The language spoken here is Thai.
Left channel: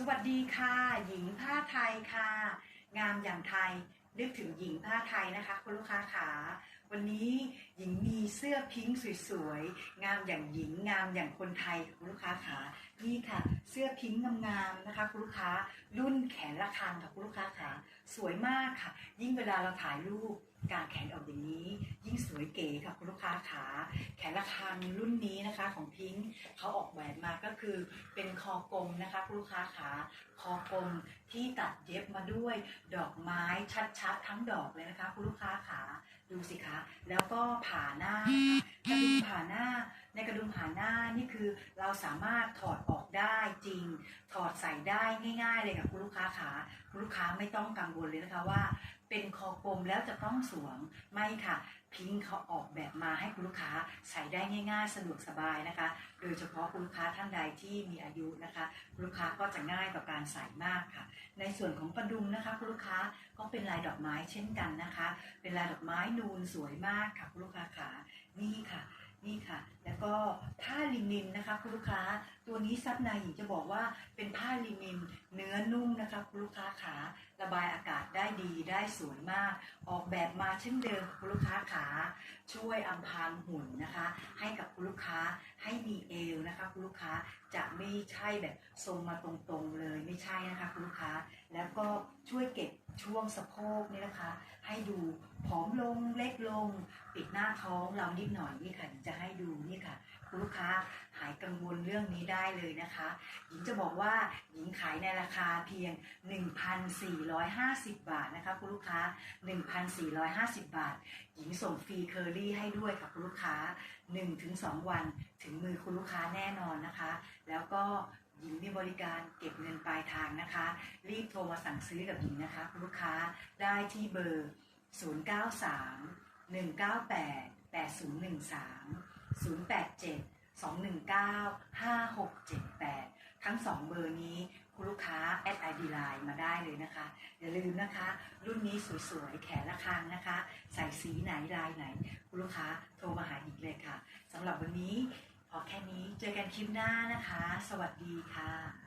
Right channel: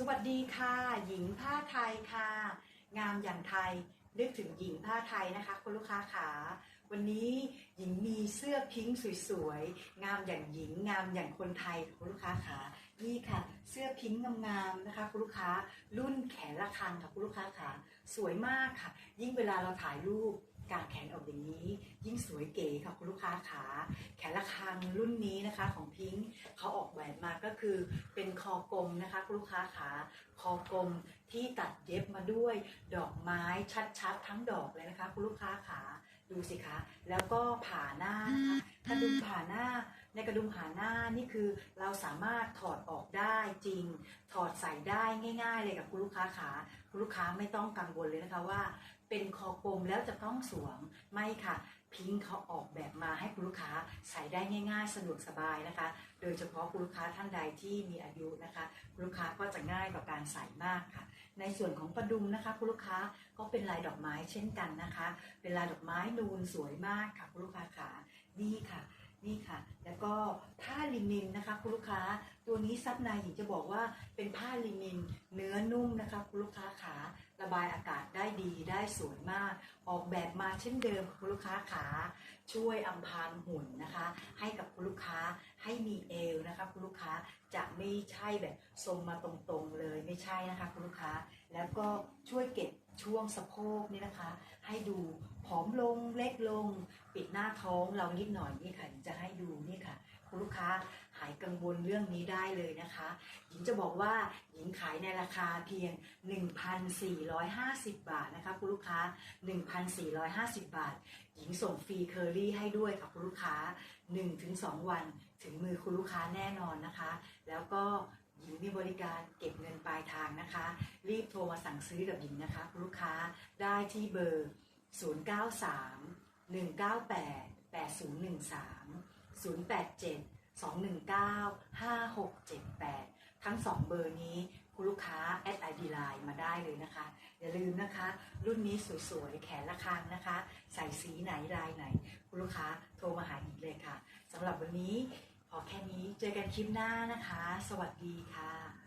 สวัสดีค่ะ หญิงผ้าไทยค่ะ งามอย่างไทยนึกถึงหญิงผ้าไทยนะคะ คุณลูกค้าขาวันนี้หญิงมีเสื้อพิงค์สวยๆ งามอย่างหญิงงามอย่างคนไทยคุณลูกค้าขานี่ค่ะ เสื้อพิงค์งามๆนะคะคุณลูกค้ารุ่นแขนระฆังค่ะคุณลูกค้าขาสวยมากค่ะ ยิ่งเวลาเราถ่ายรูปกางแขนออกอย่างนี้ ยิ่งสวยเก๋ค่ะคุณลูกค้าขาแขนระฆังรุ่นนี้นะคะของพิงค์เขา ออกแบบมาก็คือเป็นคอกลมนะคะคุณลูกค้าขาคอกลมที่ตัดเย็บมาด้วยดอกไม้ชัดๆทั้งดอกเลยนะคะคุณลูกค้าขาดูสิคะ แล้วก็ผ่าหน้านะคะกระดุมผ่าหน้า ในกระดุมผ่าหน้านี่คือเราสามารถถอดออกได้จริง ถอดใส่ได้ง่าย ๆ เลยกับคุณลูกค้าขาคุณลูกค้าไม่ต้องกังวลเลยนะคะว่า เป็นคอกลมแล้วจะต้องสวมไม่ค่ะ พิงเขาออกแบบมาให้คุณลูกค้าใส่ได้ง่าย ๆ สะดวกสบายนะคะ โดยเฉพาะคุณลูกค้าท่านใดที่มีอายุนะคะ คุณลูกค้าก็จะง่ายต่อการใส่มากค่ะ ในส่วนของประดุมนะคะคุณลูกค้าก็เป็นลายดอกไม้เช่นกันนะคะ เป็นลายดอกไม้นูนสวยมากค่ะคุณลูกค้าคะนี่ค่ะนี่ค่ะ แล้วก็ถ้า ลินินนะคะ คุณลูกค้าตัวนี้ซับในหญิงจะบอกว่าเป็นผ้าลินิน เนื้อนุ่มนะคะคุณลูกค้าขาระบายอากาศได้ดีได้สวยมาก ออกแบบมาเช่นเดิมคุณลูกค้าขาช่วยอำพรางหุ่นนะคะ ให้กับคุณลูกค้าให้มีเอวนะคะคุณลูกค้าจะไม่ใช่แบบทรงมาตรงๆเลยไม่ใช่นะคะคุณลูกค้า แล้วก็ช่วยเก็บช่วงสะโพกนี่นะคะ ให้ดูผอมลงเล็กลง ปิดหน้าท้องเรานิดหน่อยนี่ค่ะจะให้ดูนี่ค่ะ คุณลูกค้าหายกังวลเรื่องนี้ได้เลยนะคะ หญิงจะบอกว่าหญิงขายในราคาเพียง 1,450 บาทนะคะคุณลูกค้า 1,450 บาท หญิงส่งฟรีเคอรี่ให้ด้วยค่ะคุณลูกค้า 1-2 วันถึงมือคุณลูกค้าแน่นอนนะคะ แล้วก็หญิงมีบริการเก็บเงินปลายทางนะคะ รีบโทรมาสั่งซื้อกับหญิงนะคะคุณลูกค้าได้ที่เบอร์ 093 198 8013 087 219 5678 ทั้ง 2 เบอร์นี้คุณลูกค้าแอดไอดีไลน์มาได้เลยนะคะ อย่าลืมนะคะ รุ่นนี้สวยๆ แขนละคางนะคะ ใส่สีไหนลายไหน คุณลูกค้าโทรมาหาอีกเลยค่ะสำหรับวันนี้พอแค่นี้เจอกันคลิปหน้านะคะ สวัสดีค่ะ